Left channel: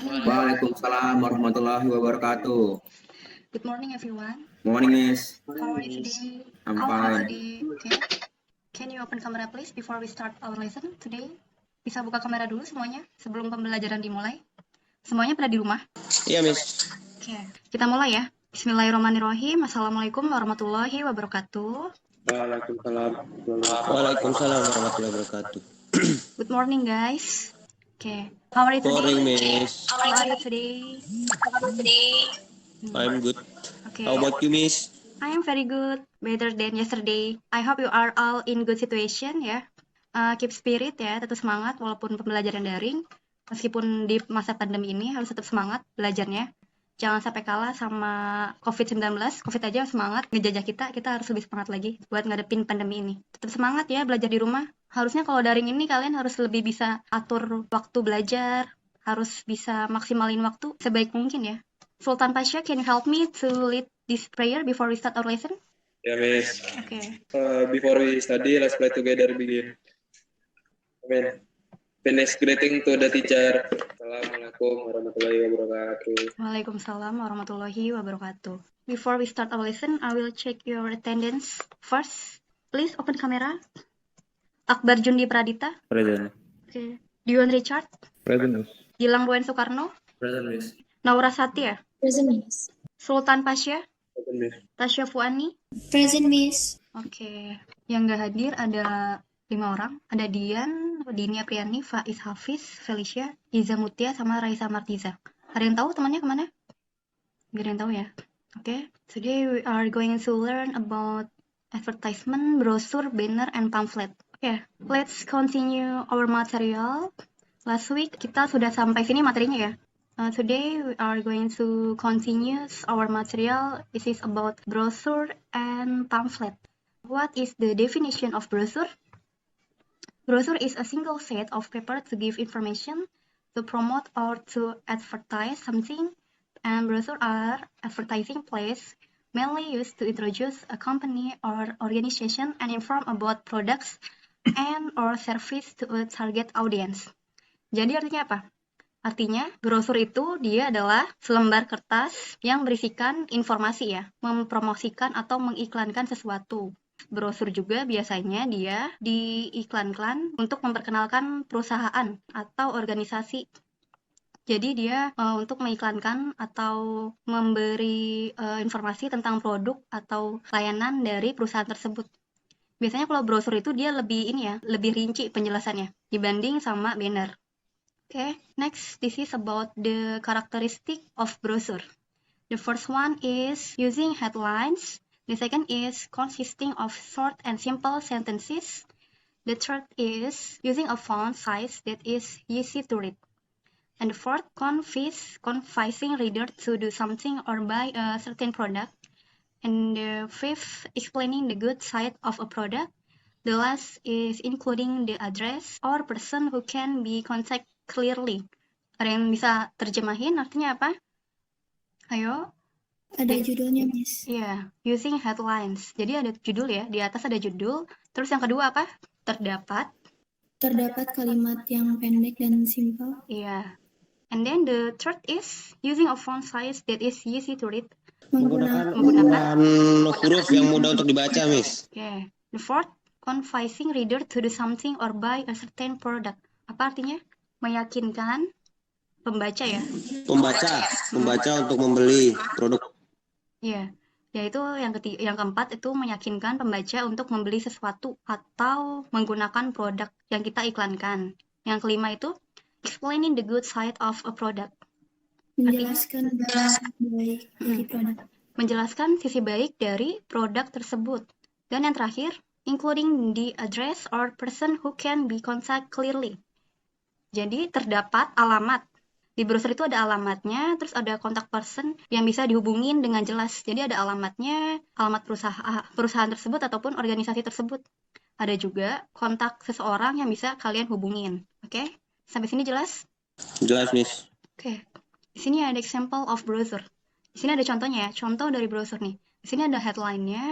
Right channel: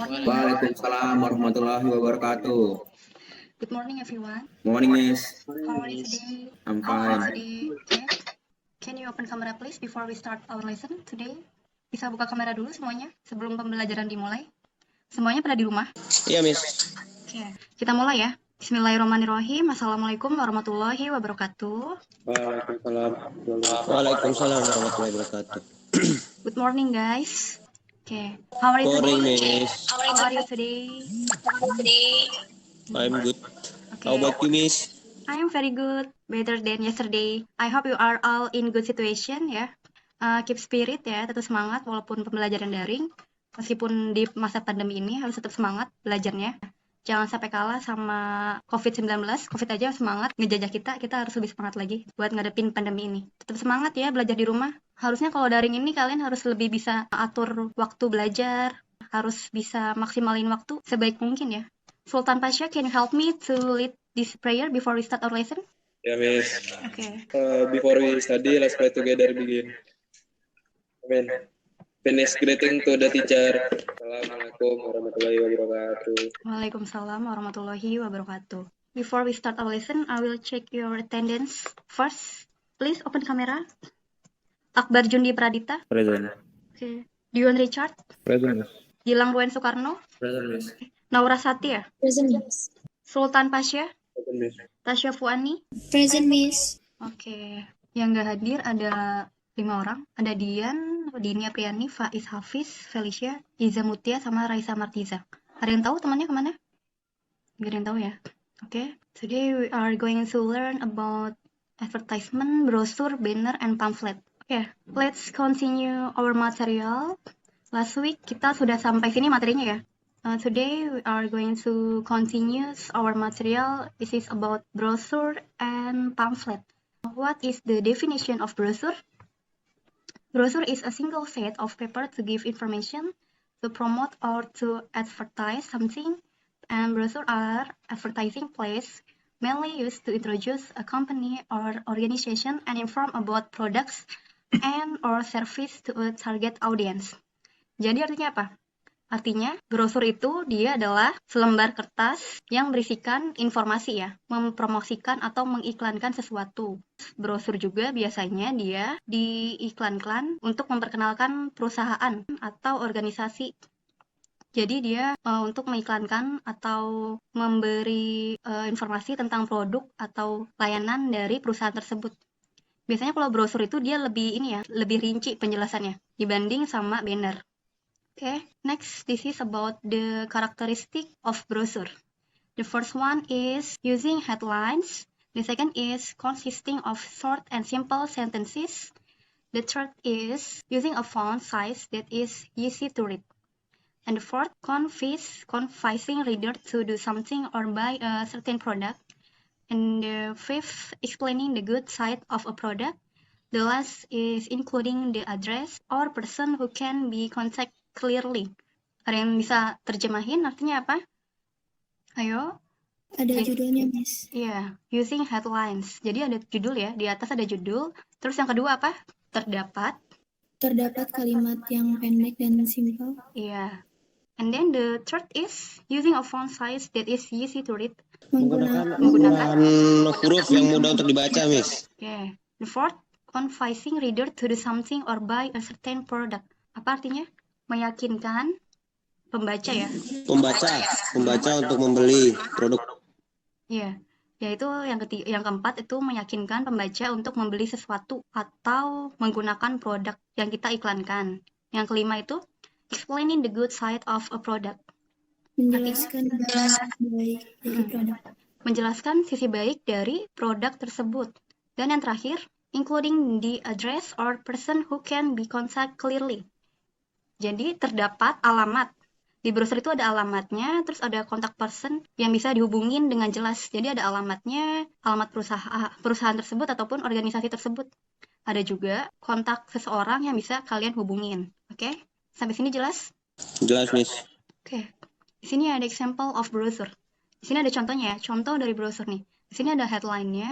Waalaikumsalam warahmatullahi wabarakatuh. Good morning, everyone. Morning, Miss. How are you today? I'm How are fine. you? Okay. Can you open camera please before we start our lesson today? Bisa buka kamera dulu semuanya sebelum pembelajaran dimulai. Semuanya ada di rumah? Iya, Miss. Oke. Kita mulai ya. Bismillahirrahmanirrahim. Assalamualaikum warahmatullahi wabarakatuh. Waalaikumsalam. Waalaikumsalam warahmatullahi wabarakatuh. Good morning, guys. Okay. How are you Morning, today? Miss. How are you today? I'm good. Okay. How about you, Miss? I'm very good, better than yesterday. I hope you are all in good situation ya. Keep spirit ya, tetap semangat walaupun belajar daring. Meskipun di masa pandemi ini harus tetap semangat belajarnya. Jangan sampai kalah sama COVID-19. COVID aja semangat ngejajah kita harus lebih semangat lagi buat ngadepin pandemi ini. Tetap semangat ya belajar di rumah. Harusnya kalau daring ini kalian harus lebih bisa atur waktu belajar, harus bisa maksimalin waktu sebaik mungkin ya. Sultan Pasha, can you help me to lead this prayer before we start our lesson? Yeah, Miss. Okay. Before we study, let's pray together. Begin. Amen. Finish greeting to the teacher. Assalamualaikum warahmatullahi wabarakatuh. Waalaikumsalam warahmatullahi wabarakatuh. Before we start our lesson, I will check your attendance first. Please open the camera. Akbar Juni Pradita. Present. Okay. Dio Richard. Present, Miss. Gilang Wen Soekarno. Present, Miss. Naura Satya. Present, Miss. Sultan Pasha. Present, Miss. Tasya Fuani. Present, Miss. Oke. Yang nggak hadir ada 5 orang. Ada Dian, Dinia Priani, Faiz Hafiz, Felicia, Iza Mutia, sama Raisa Martiza. Ada yang tahu temannya mana? Gak ada yang tahu ya. Oke. Today we are going to learn about advertisement, brochure, banner, and pamphlet. Oke. Let's continue our material. Last week kita sudah sampai sini materinya ya. Today we are going to continue our material. It is about brochure and pamphlet. What is the definition of brochure? Brochure is a single sheet of paper to give information, to promote or to advertise something, and brochures are advertising plays mainly used to introduce a company or organization and inform about products and or service to a target audience. Jadi artinya apa? Artinya, brosur itu dia adalah selembar kertas yang berisikan informasi ya, mempromosikan atau mengiklankan sesuatu. Brosur juga biasanya dia diiklankan untuk memperkenalkan perusahaan atau organisasi. Jadi dia untuk mengiklankan atau memberi informasi tentang produk atau layanan dari perusahaan tersebut. Biasanya kalau brosur itu dia lebih rinci penjelasannya dibanding sama banner. Okay, next, this is about the characteristic of brochure. The first one is using headlines. The second is consisting of short and simple sentences. The third is using a font size that is easy to read. And the fourth, confessing reader to do something or buy a certain product. And the fifth, explaining the good side of a product. The last is including the address or person who can be contacted clearly. Ada yang bisa terjemahin artinya apa? Ayo. Ada judulnya, Miss. Iya, using headlines. Jadi ada judul ya, di atas ada judul. Terus yang kedua apa? Terdapat kalimat yang pendek dan simpel. Iya. And then the third is using a font size that is easy to read. Menggunakan huruf yang mudah untuk dibaca, Miss. Okay. The fourth, confessing reader to do something or buy a certain product. Apa artinya? Meyakinkan pembaca ya. Pembaca untuk membeli produk. Iya. Yaitu yang keempat itu meyakinkan pembaca untuk membeli sesuatu atau menggunakan produk yang kita iklankan. Yang kelima itu explaining the good side of a product. menjelaskan baik dari produk. Menjelaskan sisi baik dari produk tersebut. Dan yang terakhir, including the address or person who can be contacted clearly. Jadi terdapat alamat. Di brosur itu ada alamatnya, terus ada kontak person yang bisa dihubungi dengan jelas. Jadi ada alamatnya, alamat perusahaan tersebut ataupun organisasi tersebut. Ada juga kontak seseorang yang bisa kalian hubungin. Oke? Sampai sini jelas? Jelas, Miss. Oke. Di sini ada example of brochure. Di sini ada contohnya ya, contoh dari brochure nih. Di sini ada headline-nya.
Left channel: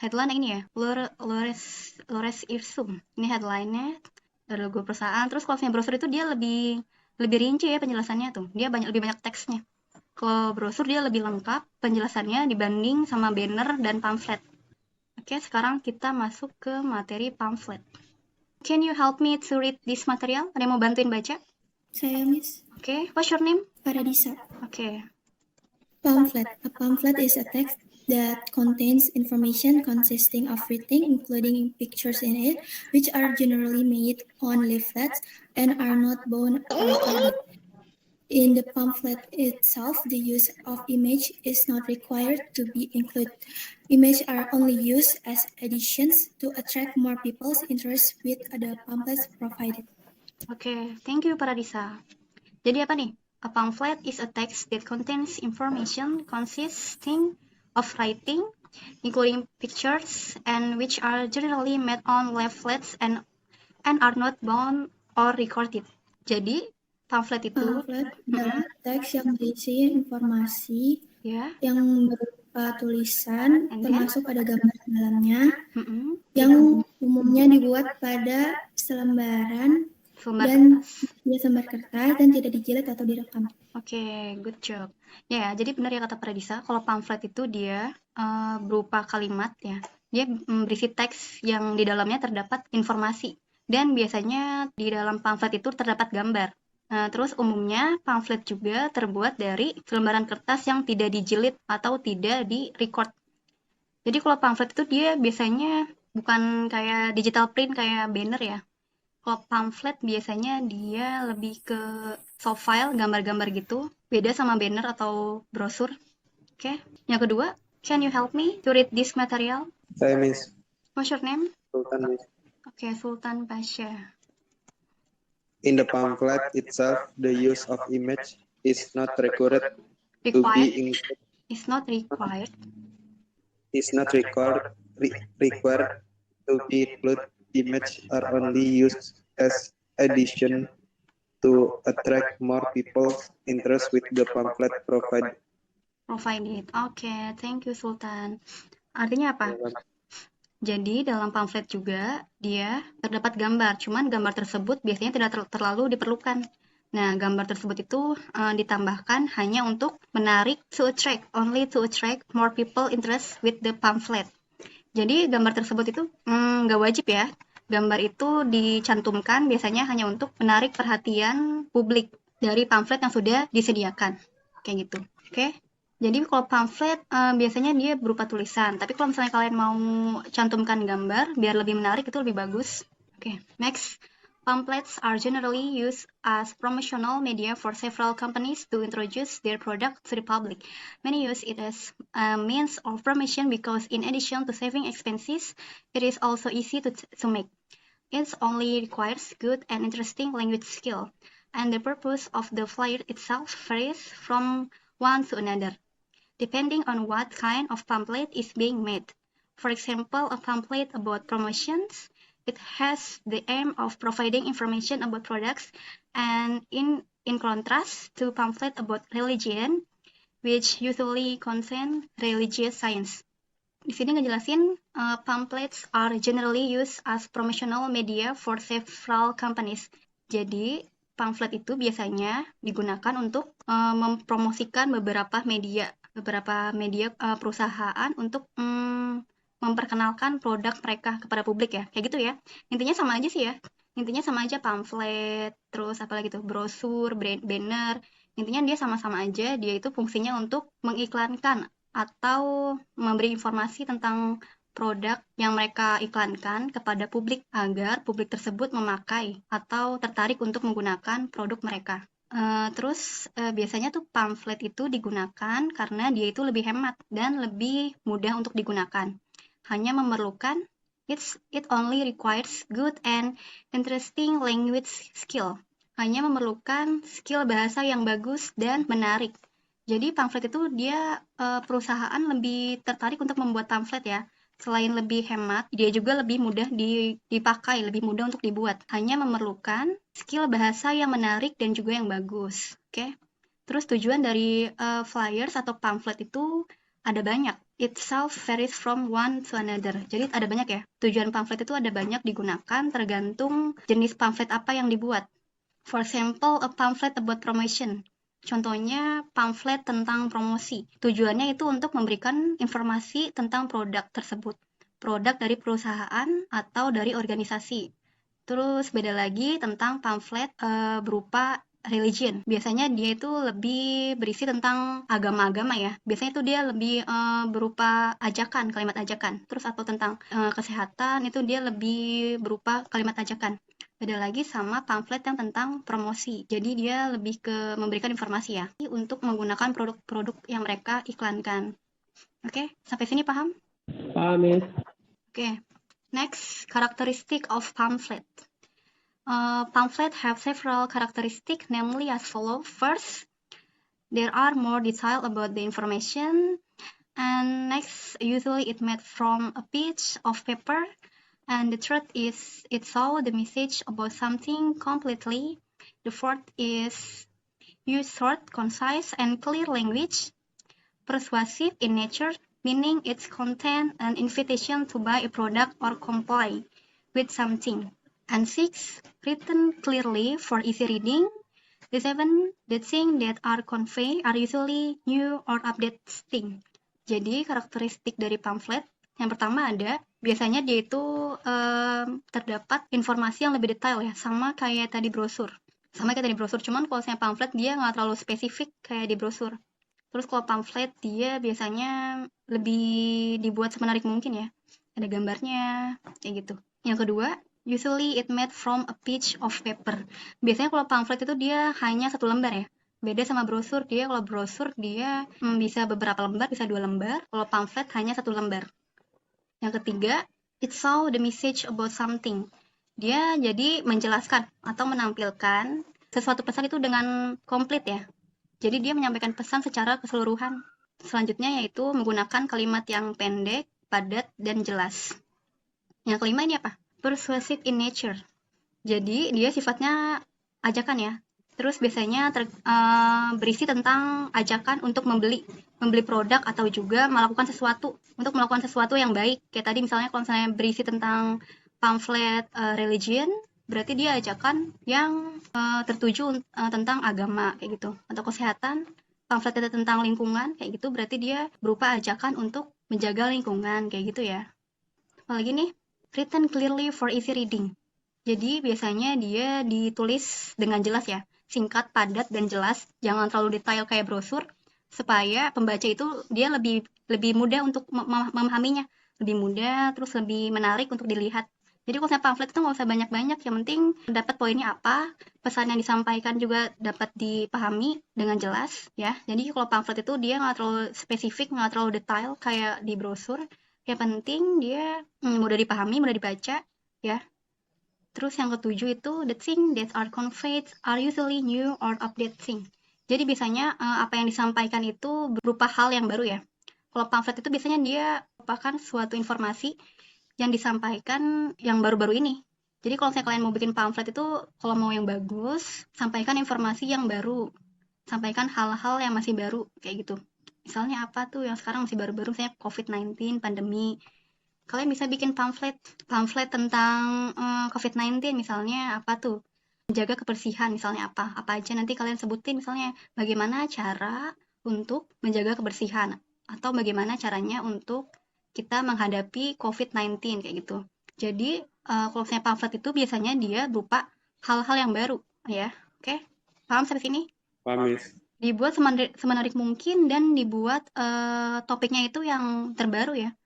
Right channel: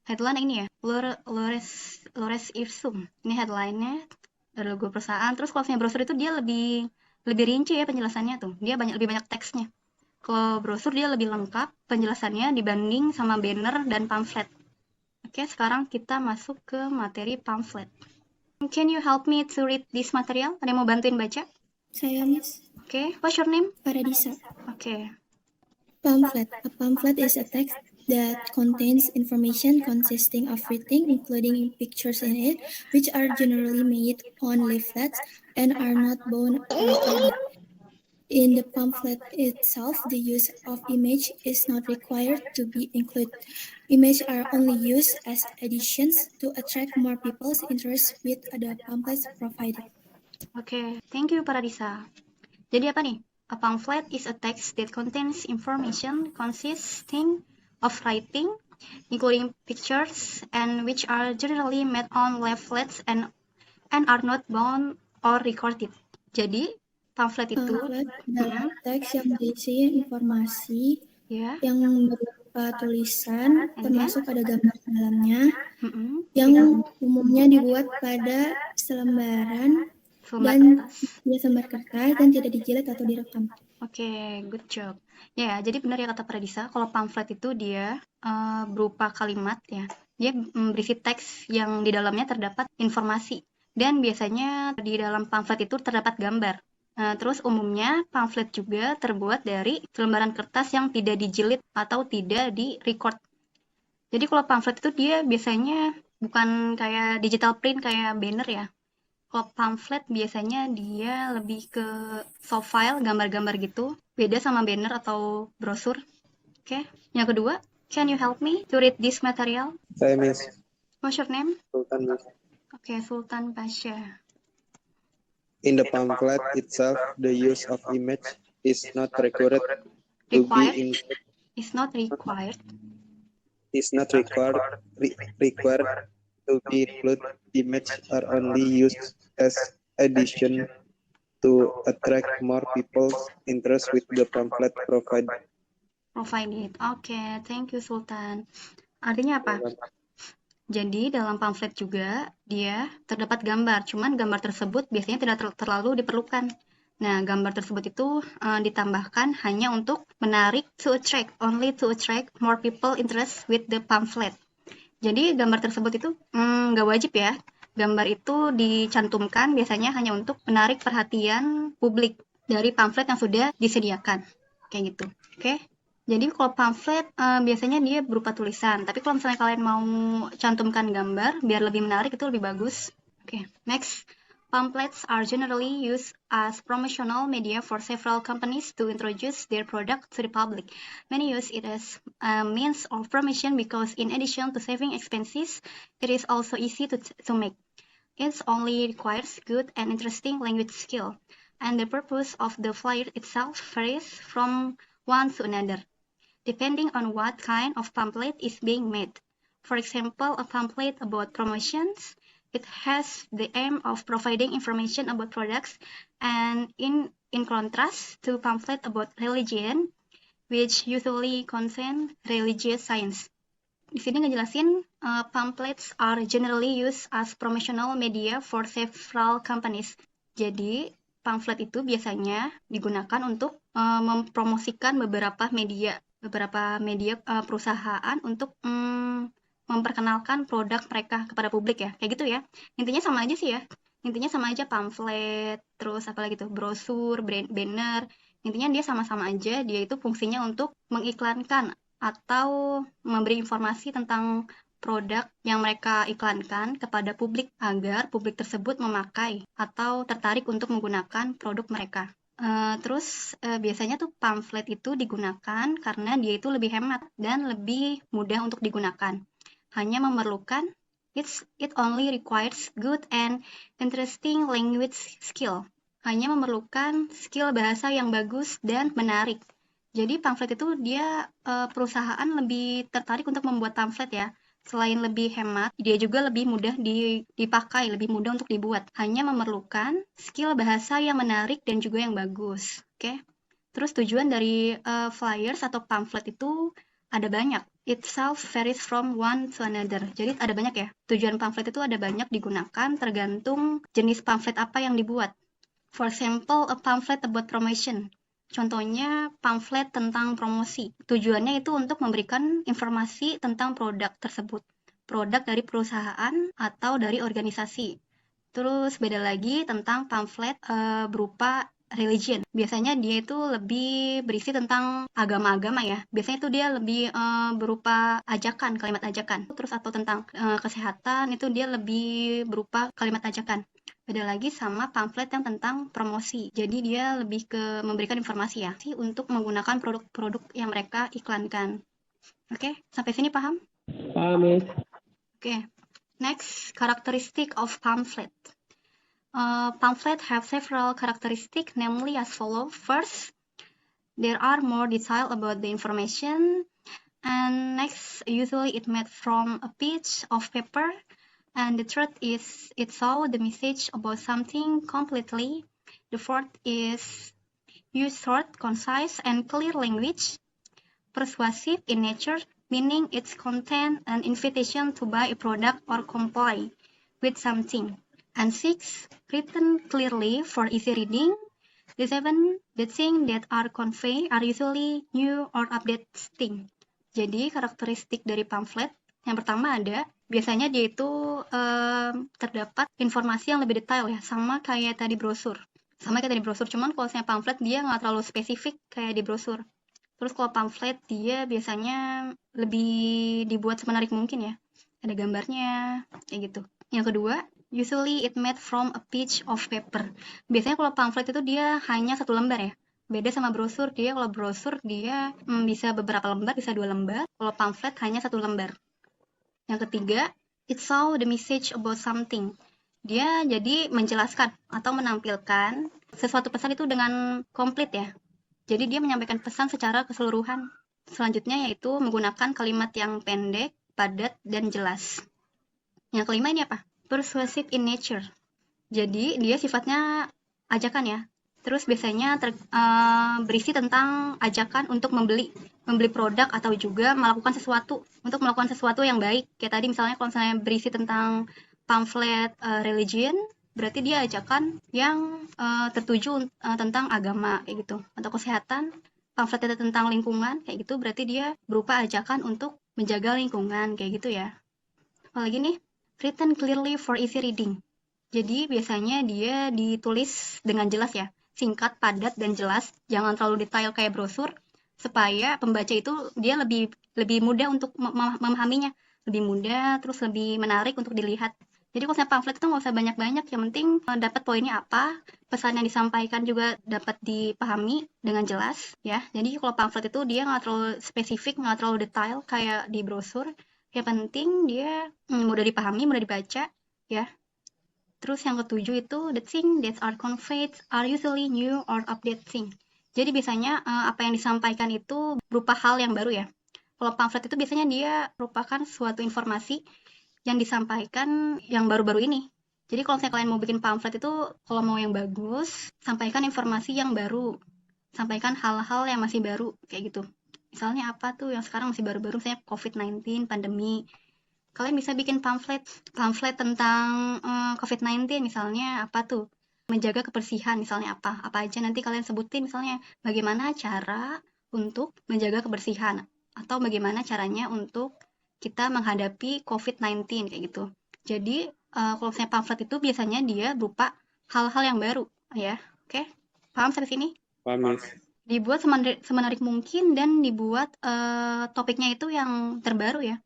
Headline ini ya, Lores Ipsum. Ini headline-nya dari logo perusahaan. Terus kalau brosur itu dia lebih lebih rinci ya penjelasannya tuh. Dia lebih banyak teksnya. Kalau brosur dia lebih lengkap penjelasannya dibanding sama banner dan pamflet. Oke, sekarang kita masuk ke materi pamflet. Can you help me to read this material? Ada yang mau bantuin baca? Saya, Miss. Oke, what's your name? Paradisa. Oke. Pamphlet. A pamphlet is a text that contains information consisting of writing, including pictures in it, which are generally made on leaflets and are not bound or recorded. In the pamphlet itself, the use of image is not required to be included. Images are only used as additions to attract more people's interest with the pamphlets provided. Oke, thank you Paradisa. Jadi apa nih? A pamphlet is a text that contains information consisting of writing, including pictures, and which are generally made on leaflets and are not bound or recorded. Jadi pamphlet itu Pamphlet adalah teks yang berisi informasi ya, yang berupa tulisan, termasuk ada gambar di dalamnya, mm-mm, yang umumnya dibuat pada selembaran dan dia selembar kertas dan tidak dijilid atau direkam. Oke, good job. Ya, jadi benar ya kata Pradisa, kalau pamflet itu dia berupa kalimat ya. Dia berisi teks yang di dalamnya terdapat informasi. Dan biasanya di dalam pamflet itu terdapat gambar. Nah, terus umumnya pamflet juga terbuat dari lembaran kertas yang tidak dijilid atau tidak di-record. Jadi kalau pamflet itu dia biasanya bukan kayak digital print kayak banner ya. Kalau pamflet biasanya dia lebih ke soft file, gambar-gambar gitu, beda sama banner atau brosur. Oke, yang kedua, can you help me to read this material? Saya Miss. What's your name? Sultan Miss. Oke, Sultan Pasha. In the pamphlet itself, the use of image is not required to be Required included. is not required. Is not required to be included. Images are only used as addition to attract more people's interest with the pamphlet provided. Oke, thank you Sultan. Artinya apa? Jadi dalam pamflet juga dia terdapat gambar, cuman gambar tersebut biasanya tidak terlalu diperlukan. Nah, gambar tersebut itu ditambahkan hanya untuk menarik only to attract more people interest with the pamphlet. Jadi gambar tersebut itu nggak wajib ya. Gambar itu dicantumkan biasanya hanya untuk menarik perhatian publik dari pamflet yang sudah disediakan. Kayak gitu. Oke? Jadi kalau pamflet biasanya dia berupa tulisan. Tapi kalau misalnya kalian mau cantumkan gambar biar lebih menarik itu lebih bagus. Oke, next. Pamphlets are generally used as promotional media for several companies to introduce their product to the public. Many use it as a means of promotion because in addition to saving expenses, it is also easy to make. It only requires good and interesting language skill, and the purpose of the flyer itself varies from one to another, depending on what kind of pamphlet is being made. For example, a pamphlet about promotions, it has the aim of providing information about products, and in contrast to pamphlet about religion, which usually contain religious signs. Di sini ngejelasin pamphlets are generally used as promotional media for several companies. Jadi pamflet itu biasanya digunakan untuk mempromosikan beberapa media perusahaan untuk memperkenalkan produk mereka kepada publik ya, kayak gitu ya. Intinya sama aja sih ya. Intinya sama aja pamflet, terus apa lagi tuh brosur, banner. Intinya dia sama-sama aja, dia itu fungsinya untuk mengiklankan atau memberi informasi tentang produk yang mereka iklankan kepada publik agar publik tersebut memakai atau tertarik untuk menggunakan produk mereka. Terus biasanya tuh pamflet itu digunakan karena dia itu lebih hemat dan lebih mudah untuk digunakan. Hanya memerlukan it only requires good and interesting language skill. Hanya memerlukan skill bahasa yang bagus dan menarik. Jadi pamflet itu dia perusahaan lebih tertarik untuk membuat pamflet ya. Selain lebih hemat, dia juga lebih mudah dipakai, lebih mudah untuk dibuat. Hanya memerlukan skill bahasa yang menarik dan juga yang bagus. Oke. Terus tujuan dari flyers atau pamflet itu ada banyak. It itself varies from one to another. Jadi ada banyak ya. Tujuan pamflet itu ada banyak digunakan tergantung jenis pamflet apa yang dibuat. For example, a pamphlet about promotion. Contohnya pamflet tentang promosi. Tujuannya itu untuk memberikan informasi tentang produk tersebut. Produk dari perusahaan atau dari organisasi. Terus beda lagi tentang pamflet berupa religion. Biasanya dia itu lebih berisi tentang agama-agama ya. Biasanya itu dia lebih berupa ajakan, kalimat ajakan. Terus atau tentang kesehatan itu dia lebih berupa kalimat ajakan. Beda lagi sama pamflet yang tentang promosi. Jadi dia lebih ke memberikan informasi ya untuk menggunakan produk-produk yang mereka iklankan. Oke, sampai sini paham? Paham, Miss. Okay, next, characteristic of pamphlet. Pamphlet have several characteristics, namely as follows. First, there are more details about the information, and next, usually it made from a piece of paper, and the third is it shows the message about something completely. The fourth is use short, concise, and clear language. Persuasive in nature, meaning its content an invitation to buy a product or comply with something. And 6, written clearly for easy reading. The 7, the things that are conveyed are usually new or updated things. Jadi karakteristik dari pamflet yang pertama ada, biasanya dia itu terdapat informasi yang lebih detail sama kayak tadi brosur. Cuman kalau yang pamflet dia nggak terlalu spesifik kayak di brosur. Terus kalau pamflet dia biasanya lebih dibuat semenarik mungkin ya. Ada gambarnya, kayak gitu. Yang kedua, usually it made from a piece of paper. Biasanya kalau pamflet itu dia hanya satu lembar ya. Beda sama brosur, kalau brosur dia bisa beberapa lembar, bisa 2 lembar. Kalau pamflet hanya satu lembar. Yang ketiga, it show the message about something. Dia jadi menjelaskan atau menampilkan sesuatu pesan itu dengan komplit ya. Jadi dia menyampaikan pesan secara keseluruhan. Selanjutnya yaitu menggunakan kalimat yang pendek, padat, dan jelas. Yang kelimanya apa? Persuasive in nature. Jadi dia sifatnya ajakan ya. Terus biasanya berisi tentang ajakan untuk membeli produk atau juga melakukan sesuatu yang baik. Kayak tadi misalnya kalau saya berisi tentang pamflet religion, berarti dia ajakan yang tertuju tentang agama kayak gitu, atau kesehatan. Pamflet tentang lingkungan kayak gitu berarti dia berupa ajakan untuk menjaga lingkungan kayak gitu ya. Kalau ini written clearly for easy reading. Jadi biasanya dia ditulis dengan jelas ya, singkat, padat, dan jelas, jangan terlalu detail kayak brosur, supaya pembaca itu dia lebih mudah untuk memahaminya, lebih mudah, terus lebih menarik untuk dilihat. Jadi kalau misalnya pamflet itu nggak usah banyak-banyak, yang penting dapat poinnya apa, pesan yang disampaikan juga dapat dipahami dengan jelas ya. Jadi kalau pamflet itu dia nggak terlalu spesifik, nggak terlalu detail kayak di brosur, yang penting dia mudah dipahami, mudah dibaca ya. Terus yang ketujuh itu the things that are conveyed are usually new or updated thing. Jadi biasanya apa yang disampaikan itu berupa hal yang baru ya. Kalau pamflet itu biasanya dia merupakan suatu informasi yang disampaikan yang baru-baru ini. Jadi kalau kalian mau bikin pamflet itu, kalau mau yang bagus, sampaikan informasi yang baru, sampaikan hal-hal yang masih baru kayak gitu. Misalnya apa tuh yang sekarang masih baru, misalnya COVID-19, pandemi. Kalian bisa bikin pamflet tentang COVID-19, misalnya apa tuh, menjaga kebersihan, misalnya apa aja nanti kalian sebutin, misalnya bagaimana cara untuk menjaga kebersihan, atau bagaimana caranya untuk kita menghadapi COVID-19 kayak gitu. Jadi kalau saya pamflet itu biasanya dia berupa hal-hal yang baru ya. Oke? Paham seperti ini? Paham, Miss. Dibuat semenarik mungkin dan dibuat topiknya itu yang terbaru ya.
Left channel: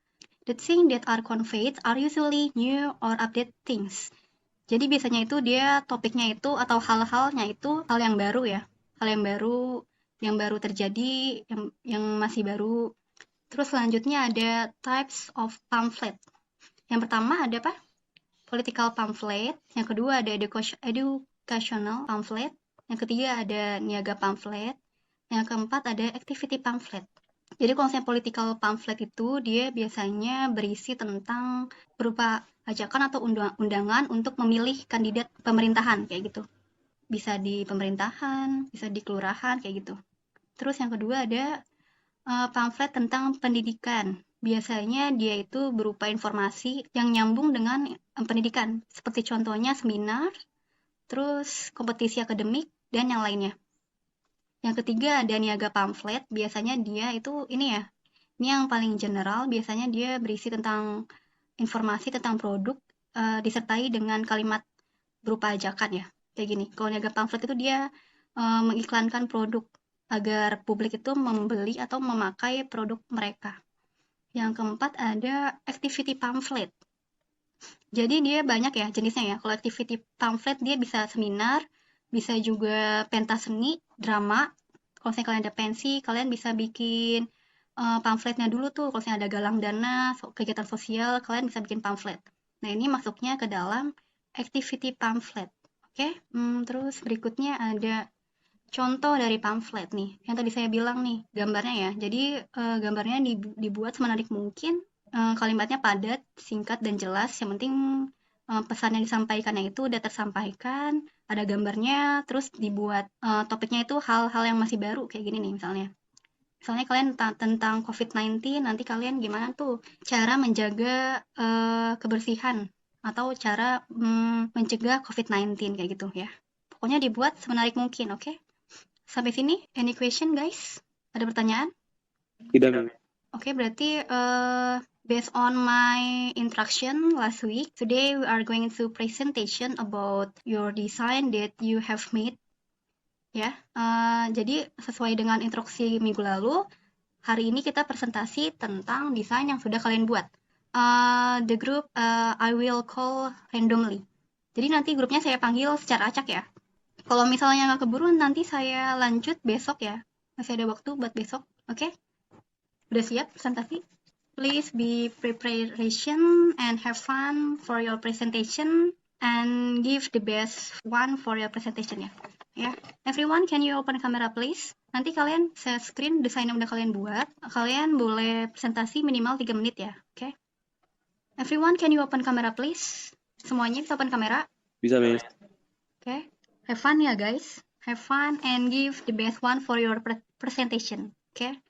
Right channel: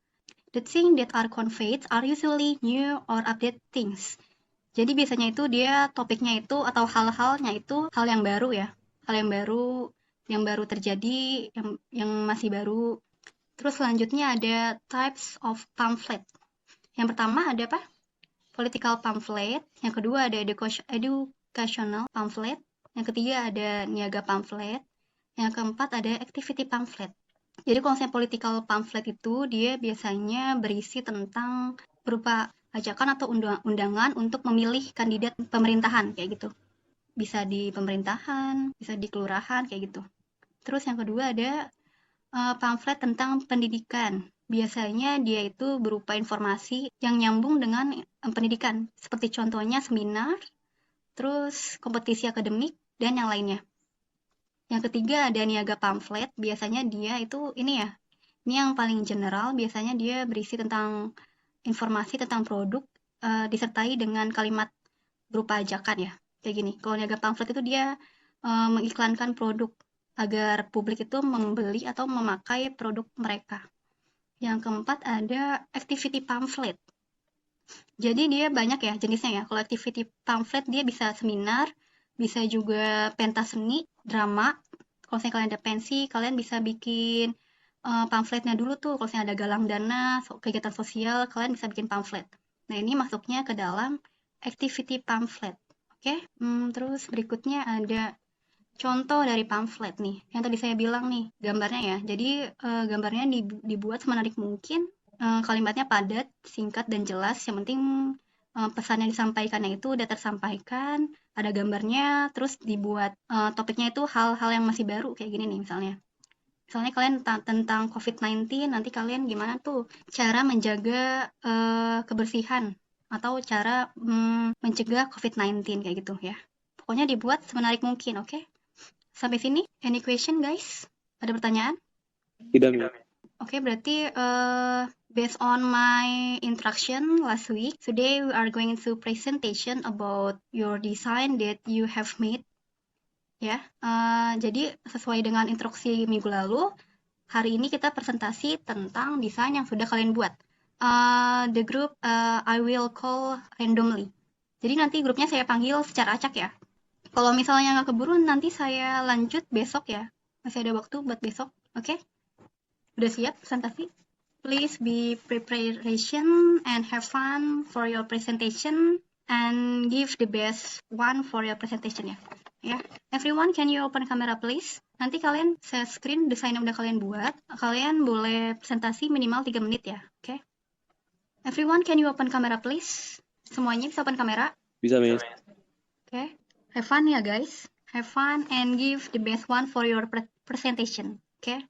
The things that are conveyed are usually new or updated things. Jadi biasanya itu dia topiknya itu atau hal-halnya itu hal yang baru ya. Hal yang baru terjadi, yang masih baru. Terus selanjutnya ada types of pamphlet. Yang pertama ada apa? Political pamphlet. Yang kedua ada educational pamphlet. Yang ketiga ada niaga pamphlet. Yang keempat ada activity pamphlet. Jadi kalau misalnya political pamphlet itu dia biasanya berisi tentang berupa ajakan atau undangan untuk memilih kandidat pemerintahan kayak gitu. Bisa di pemerintahan, bisa di kelurahan kayak gitu. Terus yang kedua ada pamflet tentang pendidikan. Biasanya dia itu berupa informasi yang nyambung dengan pendidikan. Seperti contohnya seminar, terus kompetisi akademik, dan yang lainnya. Yang ketiga ada niaga pamflet, biasanya dia itu ini yang paling general, biasanya dia berisi tentang informasi tentang produk, disertai dengan kalimat berupa ajakan ya, kayak gini. Kalau niaga pamflet itu dia mengiklankan produk agar publik itu membeli atau memakai produk mereka. Yang keempat ada activity pamphlet. Jadi dia banyak ya jenisnya ya. Kalau activity pamphlet dia bisa seminar, bisa juga pentas seni, drama. Kalau misalnya ada pensi, kalian bisa bikin pamfletnya dulu tuh. Kalau misalnya ada galang dana, kegiatan sosial, kalian bisa bikin pamflet. Nah ini masuknya ke dalam activity pamphlet. Oke, terus berikutnya ada contoh dari pamflet nih, yang tadi saya bilang nih, gambarnya ya. Jadi gambarnya dibuat semenarik mungkin, kalimatnya padat, singkat, dan jelas. Yang penting pesan yang disampaikan itu udah tersampaikan, ada gambarnya, terus dibuat topiknya itu hal-hal yang masih baru, kayak gini nih misalnya. Misalnya kalian tentang COVID-19, nanti kalian gimana tuh cara menjaga kebersihan atau cara mencegah COVID-19 kayak gitu ya. Pokoknya dibuat semenarik mungkin, oke? Sampai sini, any question guys? Ada pertanyaan? Tidak, Miss. Oke, berarti based on my instruction last week, today we are going to presentation about your design that you have made. Ya, jadi sesuai dengan instruksi minggu lalu, hari ini kita presentasi tentang desain yang sudah kalian buat. The group I will call randomly. Jadi nanti grupnya saya panggil secara acak ya. Kalau misalnya keburu nanti saya lanjut besok ya. Masih ada waktu buat besok, oke? Udah siap presentasi? Please be preparation and have fun for your presentation and give the best one for your presentation ya. Ya, everyone can you open camera please? Nanti kalian share screen desain yang kalian buat. Kalian boleh presentasi minimal 3 menit ya, oke? Everyone can you open camera please? Semuanya bisa open kamera? Bisa, Miss. Oke. Have fun ya guys. Have fun and give the best one for your presentation. Oke.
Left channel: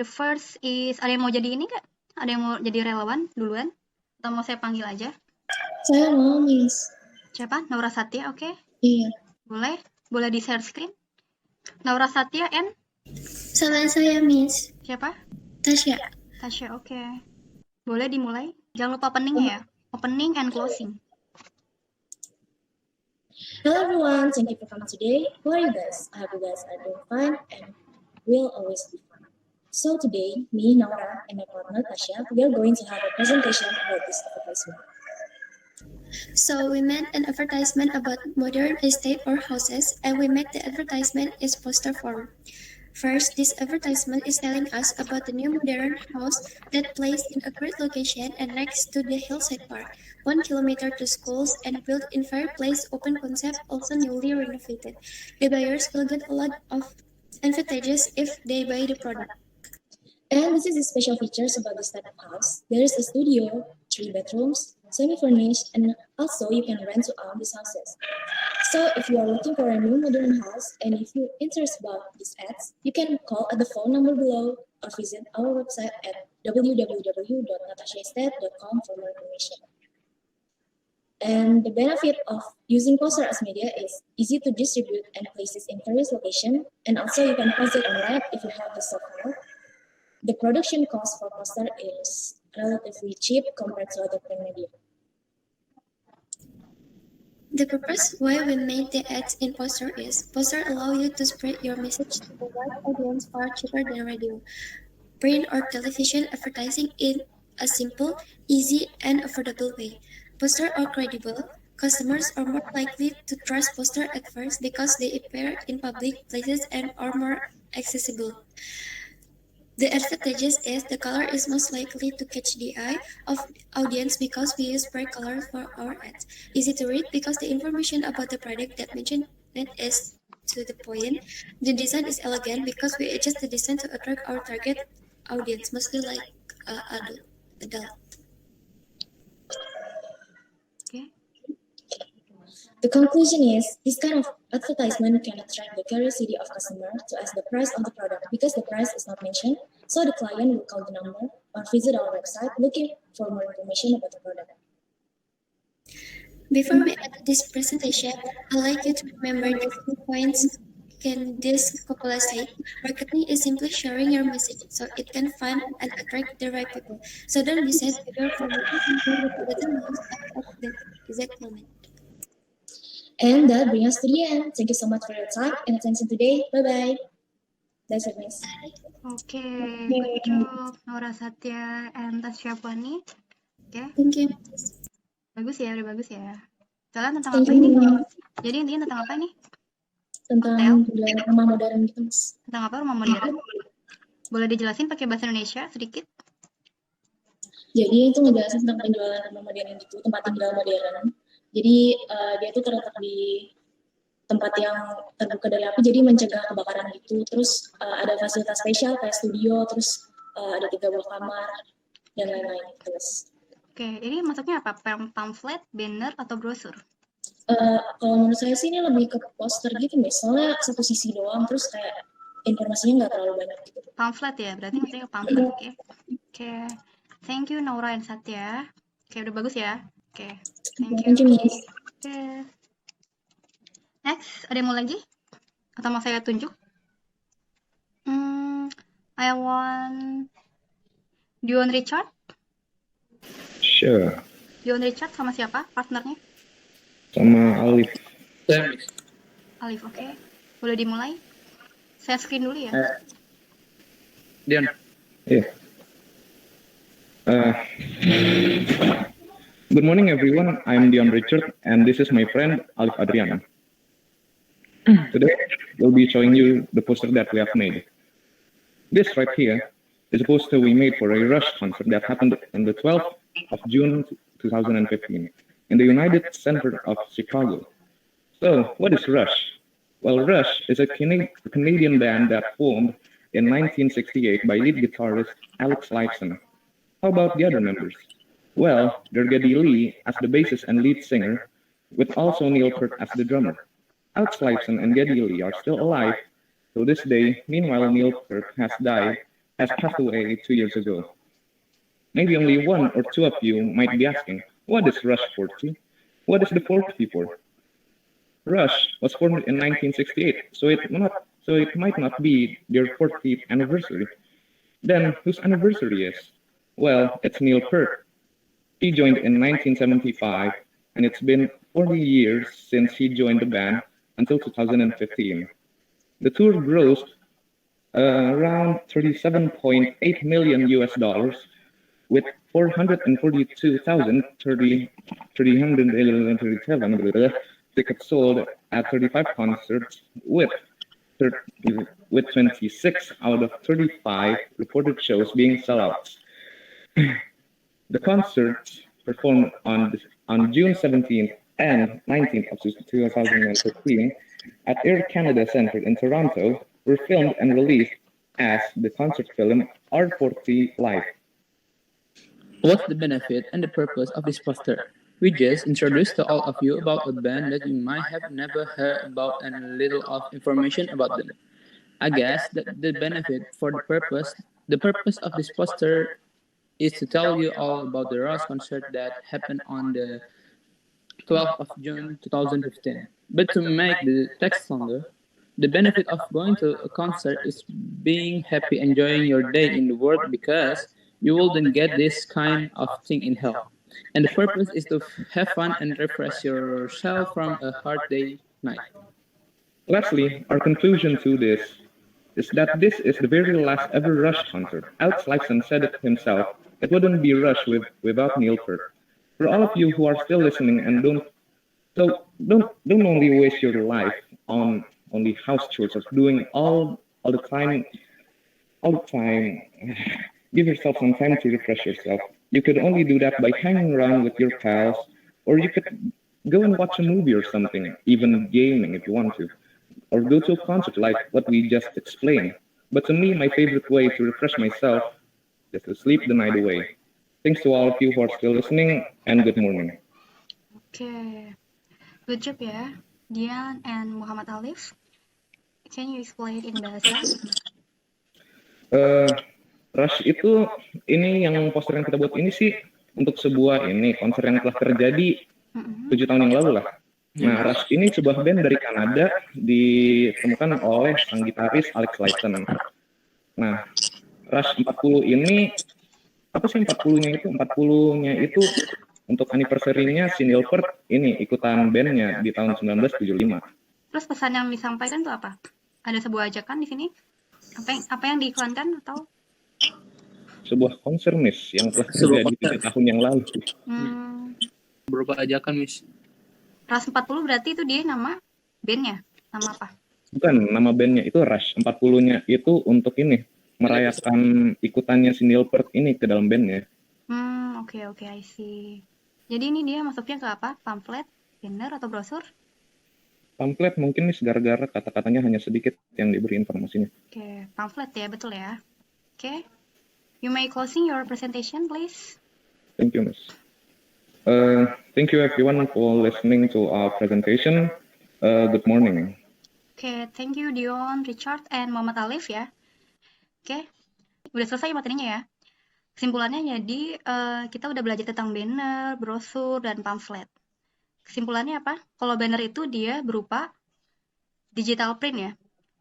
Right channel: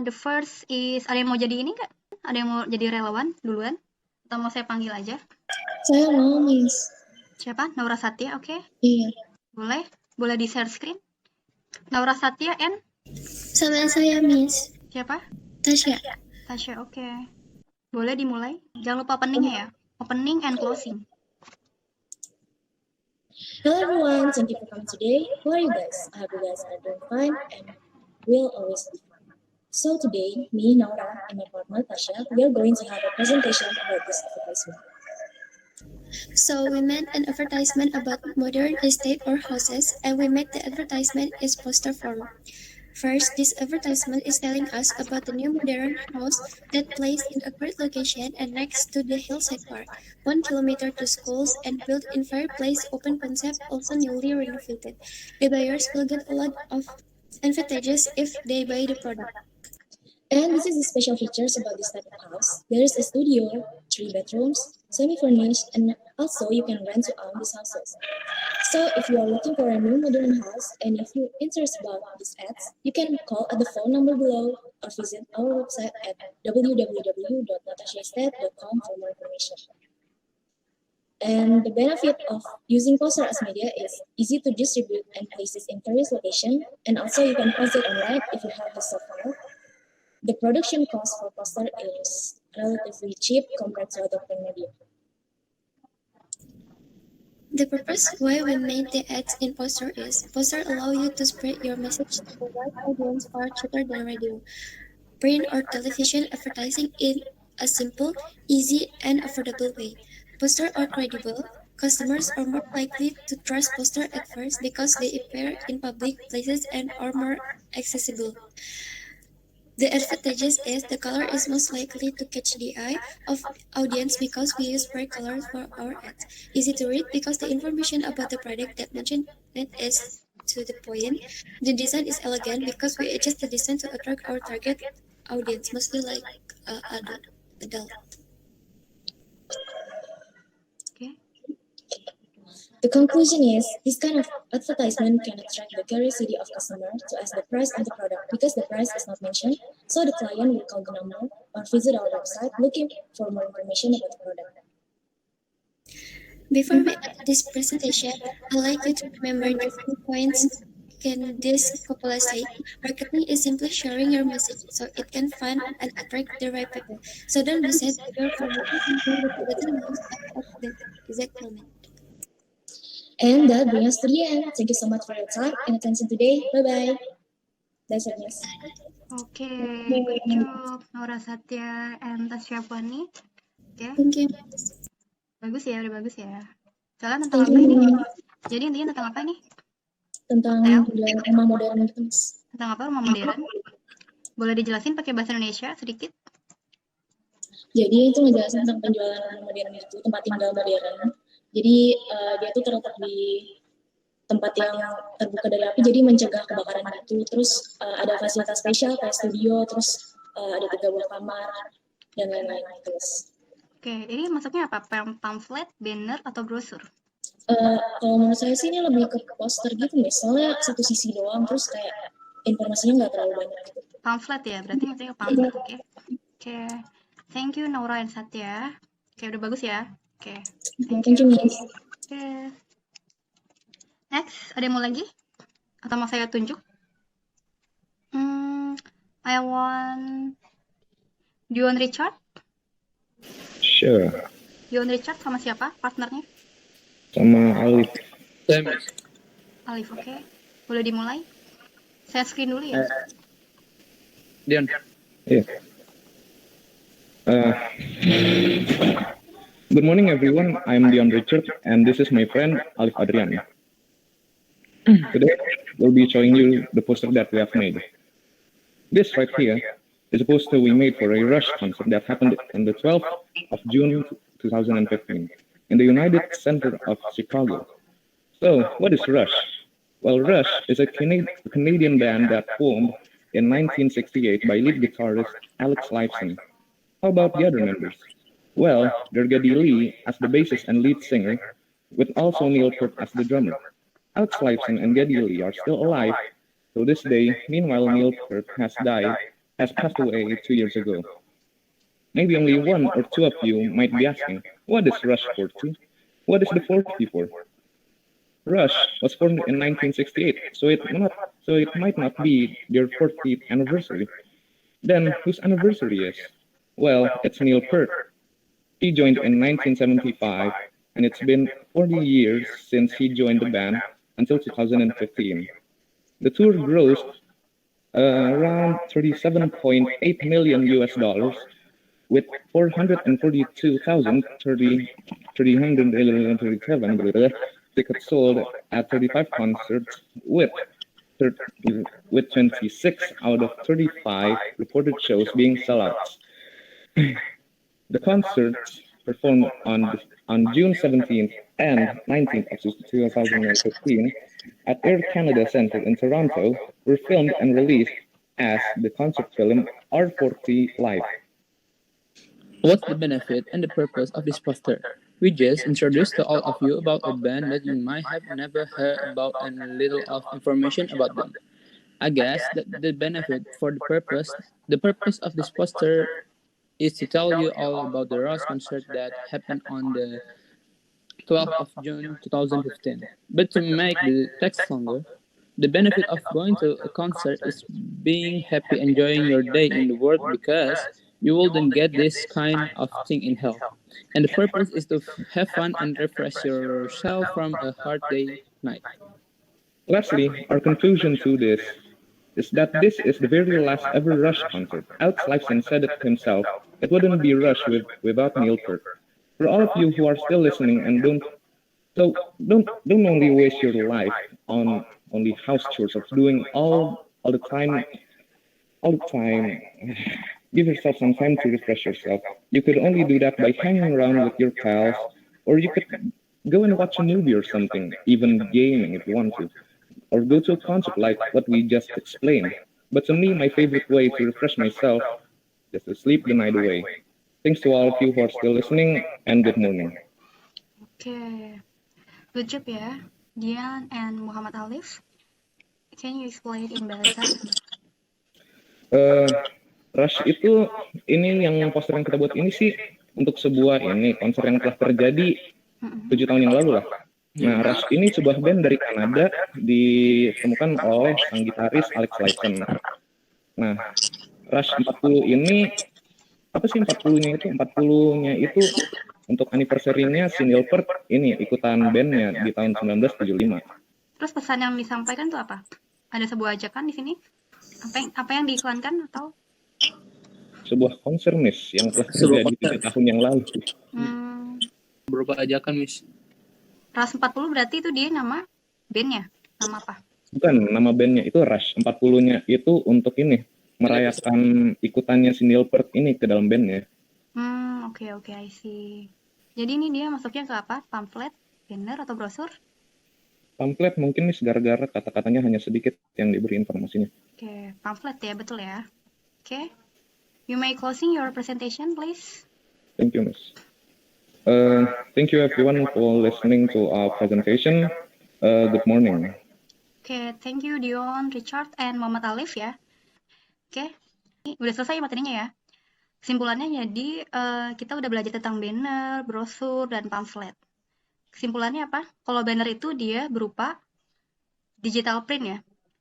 The first is, ada yang mau jadi gini nggak? Ada yang mau jadi relawan duluan? Atau mau saya panggil aja? Saya mau, Miss. Siapa? Naura Satya, oke? Iya. Boleh? Boleh di share screen? Naura Satya and? Sama saya, Miss. Siapa? Tasya. Tasya, oke. Boleh dimulai? Jangan lupa opening ya. Opening and closing. Hello everyone, thank you for coming today. How are you guys? I hope you guys are doing fine and will always be fine. So today, me, Naura, and my partner Tasha, we are going to have a presentation about this advertisement. So we made an advertisement about modern estate or houses, and we made the advertisement as poster form. First, this advertisement is telling us about the new modern house that placed in a great location and next to the hillside park, 1 kilometer to schools and built in fireplace open concept, also newly renovated. The buyers will get a lot of advantages if they buy the product. And this is the special features about this type of house. There is a studio, 3 bedrooms, semi-furnished, and also you can rent to own these houses. So if you are looking for a new modern house and if you're interested about these ads, you can call at the phone number below or visit our website at www.natashaestate.com for more information. And the benefit of using poster as media is easy to distribute and places in various locations, and also you can post it online if you have the software. The production cost for poster is relatively cheap compared to other print media. The purpose why we made the ads in poster is poster allow you to spread your message to a wide audience far cheaper than radio, print or television advertising in a simple, easy, and affordable way. Poster are credible. Customers are more likely to trust poster at first because they appear in public places and are more accessible. The advantages is the color is most likely to catch the eye of audience because we use bright colors for our ads. Easy to read because the information about the product that mentioned it is to the point. The design is elegant because we adjust the design to attract our target audience, mostly like adult. Okay. The conclusion is, this kind of advertisement can attract the curiosity of customers to ask the price of the product because the price is not mentioned, so the client will call the number or visit our website looking for more information about the product. Before we end this presentation, I'd like you to remember the few points in this cupola say. Marketing is simply sharing your message so it can find and attract the right people. So don't decide to go for something that doesn't use at the exact moment. And that brings us to the end. Thank you so much for your time and attention today. Bye-bye. That's it, Miss. Oke, good job Nora Satya and Tasya Poni. Oke, Thank you. bagus ya, bagus ya. Kalian tentang Thank apa nih? you. Jadi ini tentang apa nih? Tentang penjualan rumah modern gitu, Mas. Tentang apa rumah modern? Boleh dijelasin pakai bahasa Indonesia sedikit? Jadi itu ngejelasin tentang penjualan rumah modern gitu, tempat tinggal modern. Jadi dia tuh terletak di tempat yang terbuka dari api, jadi mencegah kebakaran gitu. Terus ada fasilitas spesial kayak studio, terus ada 3 buah kamar dan lain-lain gitu, Mas. Oke, jadi maksudnya apa? Pamflet, banner, atau brosur? Kalau menurut saya sih ini lebih ke poster gitu, Mas. Soalnya satu sisi doang, terus kayak informasinya nggak terlalu banyak gitu. Pamflet ya, berarti maksudnya pamflet ya. Oke, thank you Nora dan Satya. Oke, udah bagus ya. Oke, Thank you, Miss. Oke. Next, ada yang mau lagi? Atau mau saya tunjuk? I want Duo Richard. Sure. Duo Richard sama siapa partnernya? Sama Alif. Alif, oke. Boleh dimulai? Saya screen dulu ya. Dion. Yeah. Good morning, everyone. I'm Dion Richard, and this is my friend Alif Adriana. Today, we'll be showing you the poster that we have made. This right here is a poster we made for a Rush concert that happened on the 12th of June 2015 in the United Center of Chicago. So, what is Rush? Well, Rush is a Canadian band that formed in 1968 by lead guitarist Alex Lifeson. How about the other members? Well, they're Geddy Lee as the bassist and lead singer, with also Neil Peart as the drummer. Alex Lifeson and Geddy Lee are still alive to this day. Meanwhile, Neil Peart has passed away 2 years ago. Maybe only one or two of you might be asking, what is Rush 40? What is the 40 for? Rush was formed in 1968, so it might not be their 40th anniversary. Then, whose anniversary is? Well, it's Neil Peart. He joined in 1975, and it's been 40 years since he joined the band until 2015. The tour grossed around $37.8 million US, with 442,337 tickets sold at 35 concerts, with 26 out of 35 reported shows being sellouts. The concerts performed on June 17th and 19th of 2015 at Air Canada Centre in Toronto were filmed and released as the concert film R40 Live. What's the benefit and the purpose of this poster? We just introduced to all of you about a band that you might have never heard about and little of information about them. I guess that the benefit for the purpose of this poster is to tell you all about the Rush concert that happened on the 12th of June 2015. But to make the text longer, the benefit of going to a concert is being happy, enjoying your day in the world, because you wouldn't get this kind of thing in hell. And the purpose is to have fun and refresh yourself from a hard day night. Lastly, our conclusion to this is that this is the very last ever Rush concert. Alex Lifeson said it himself, it wouldn't be Rush without Neil Peart. For all of you who are still listening and don't only waste your life on only house chores of doing all the time. Give yourself some time to refresh yourself. You could only do that by hanging around with your pals, or you could go and watch a movie or something, even gaming if you want to, or go to a concert like what we just explained. But to me, my favorite way to refresh myself is to sleep the night away. Thanks to all of you who are still listening, and good morning. Okay, good job ya, Dian and Muhammad Alif. Can you explain in bahasa? Rush itu ini yang poster yang kita buat ini sih untuk sebuah konser yang telah terjadi 7 tahun yang lalu lah. Nah, Rush ini sebuah band dari Kanada ditemukan oleh sang gitaris Alex Lifeson. Nah, Rush 40 ini apa sih 40-nya itu? 40-nya itu untuk anniversary-nya si Neil Peart ini ikutan bandnya di tahun 1975. Terus pesan yang disampaikan itu apa? Ada sebuah ajakan di sini? Apa yang diiklankan atau? Sebuah konser Miss yang telah Sebuah terjadi 7 tahun yang lalu. Berupa ajakan, Miss. Rush 40 berarti itu dia nama bandnya? Nama apa? Bukan, nama bandnya itu Rush. 40-nya itu untuk ini, merayakan ikutannya si Neil Peart ini ke dalam bandnya. Oke, I see. Jadi ini dia maksudnya ke apa? Pamflet? Banner atau brosur? Pamflet mungkin Miss, gara-gara kata-katanya hanya sedikit yang diberi informasinya. Oke, pamflet ya, betul ya. Oke. You may closing your presentation, please. Thank you, Miss. Thank you everyone for listening to our presentation. Good morning. Oke, thank you Dion, Richard, and Muhammad Alif ya. Oke, udah selesai yang ini ya. Kesimpulannya jadi kita udah belajar tentang banner, brosur, dan pamflet. Kesimpulannya apa? Kalau banner itu dia berupa digital print ya.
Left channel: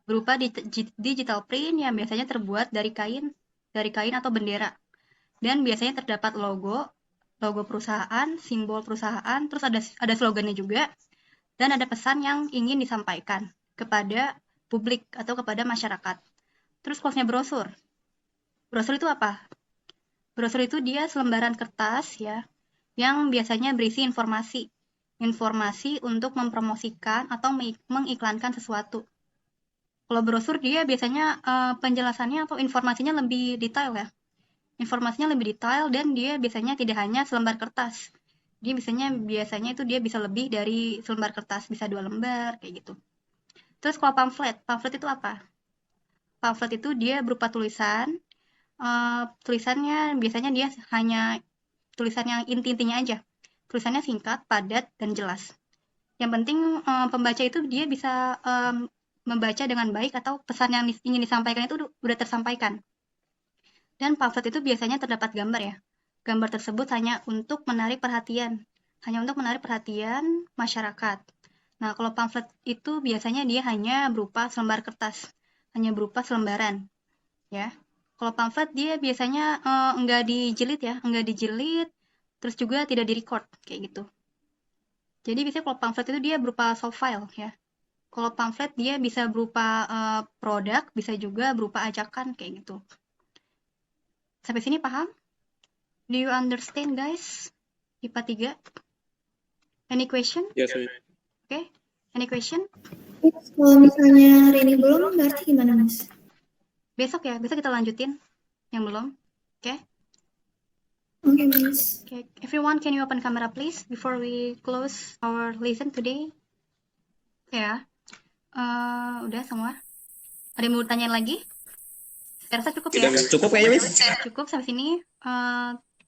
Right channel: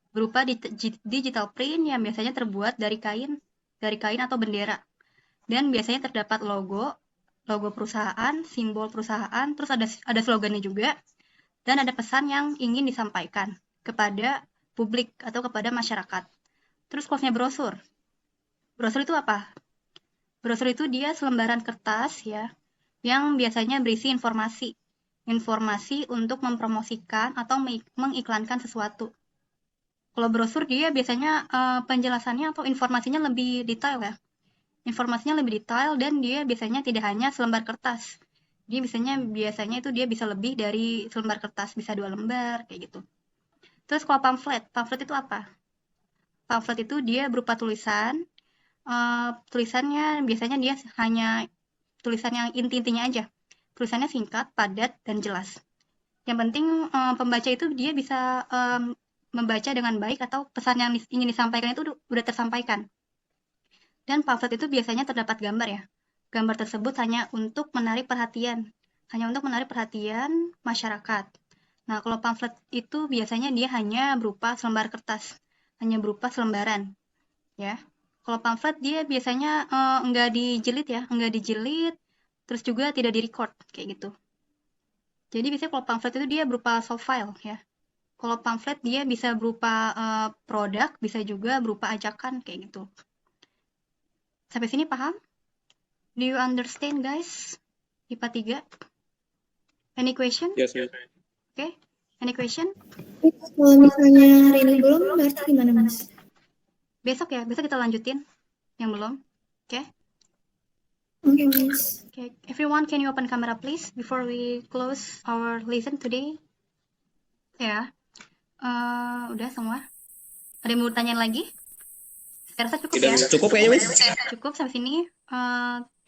Berupa digital print yang biasanya terbuat dari kain atau bendera. Dan biasanya terdapat logo perusahaan, simbol perusahaan, terus ada slogannya juga, dan ada pesan yang ingin disampaikan kepada publik atau kepada masyarakat. Terus konsepnya brosur. Brosur itu apa? Brosur itu dia selembaran kertas ya, yang biasanya berisi informasi untuk mempromosikan atau mengiklankan sesuatu. Kalau brosur dia biasanya penjelasannya atau informasinya lebih detail ya. Informasinya lebih detail dan dia biasanya tidak hanya selembar kertas. Dia biasanya itu dia bisa lebih dari selembar kertas, bisa 2 lembar kayak gitu. Terus kalau pamflet itu apa? Pamflet itu dia berupa tulisan. Tulisannya biasanya dia hanya tulisan yang inti-intinya aja. Tulisannya singkat, padat, dan jelas. Yang penting pembaca itu dia bisa membaca dengan baik atau pesan yang ingin disampaikan itu udah tersampaikan. Dan pamflet itu biasanya terdapat gambar ya. Gambar tersebut hanya untuk menarik perhatian masyarakat. Nah, kalau pamflet itu biasanya dia hanya berupa selembar kertas, hanya berupa selembaran, ya. Kalau pamflet dia biasanya nggak dijilid, terus juga tidak di-record kayak gitu. Jadi biasanya kalau pamflet itu dia berupa soft file ya. Kalau pamflet dia bisa berupa produk, bisa juga berupa ajakan kayak gitu. Sampai sini paham? Do you understand, guys? IPA 3? Any question? Yes, Miss. Okay. Any question? Kalau misalnya hari ini belum, berarti gimana, Mas? Besok kita lanjutin yang belum. Okay? Oke, Miss. Okay. Everyone, can you open camera, please, before we close our lesson today? Ya. Udah semua. Ada yang mau tanya lagi? Cukup kayaknya, Miss. Cukup sampai sini.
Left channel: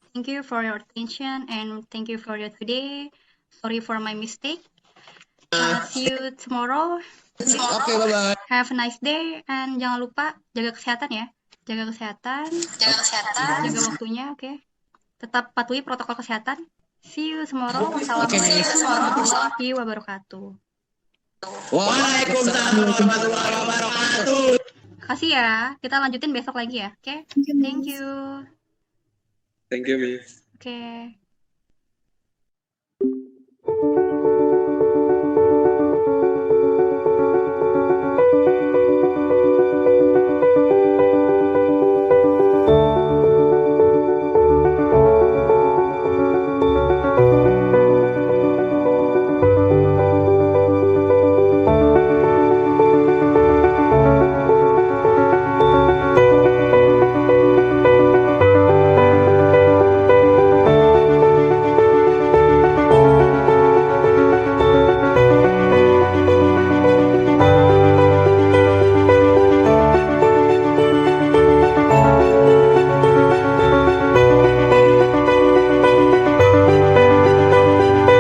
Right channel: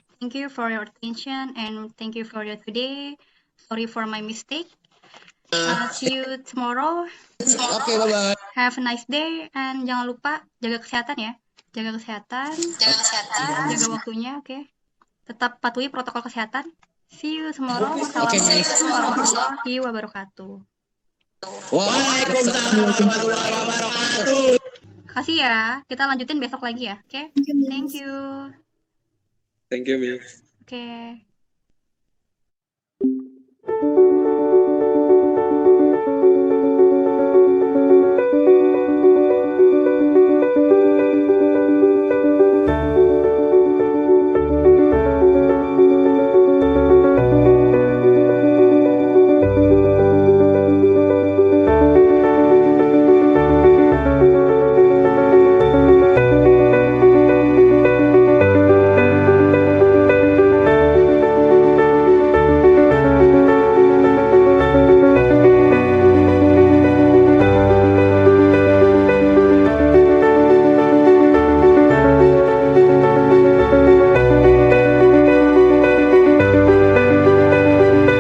Thank you for your attention and thank you for your today. Sorry for my mistake. See you tomorrow. Oke, bye-bye. Have a nice day and jangan lupa jaga kesehatan ya. Jaga kesehatan. Jaga waktunya, oke. Tetap patuhi protokol kesehatan. See you tomorrow. Oke, Miss. Warahmatullahi wabarakatuh. Waalaikumsalam warahmatullahi wabarakatuh. Kasih ya. Kita lanjutin besok lagi ya. Oke. Thank you, Thank Miss. you. Thank you, Miss. Oke.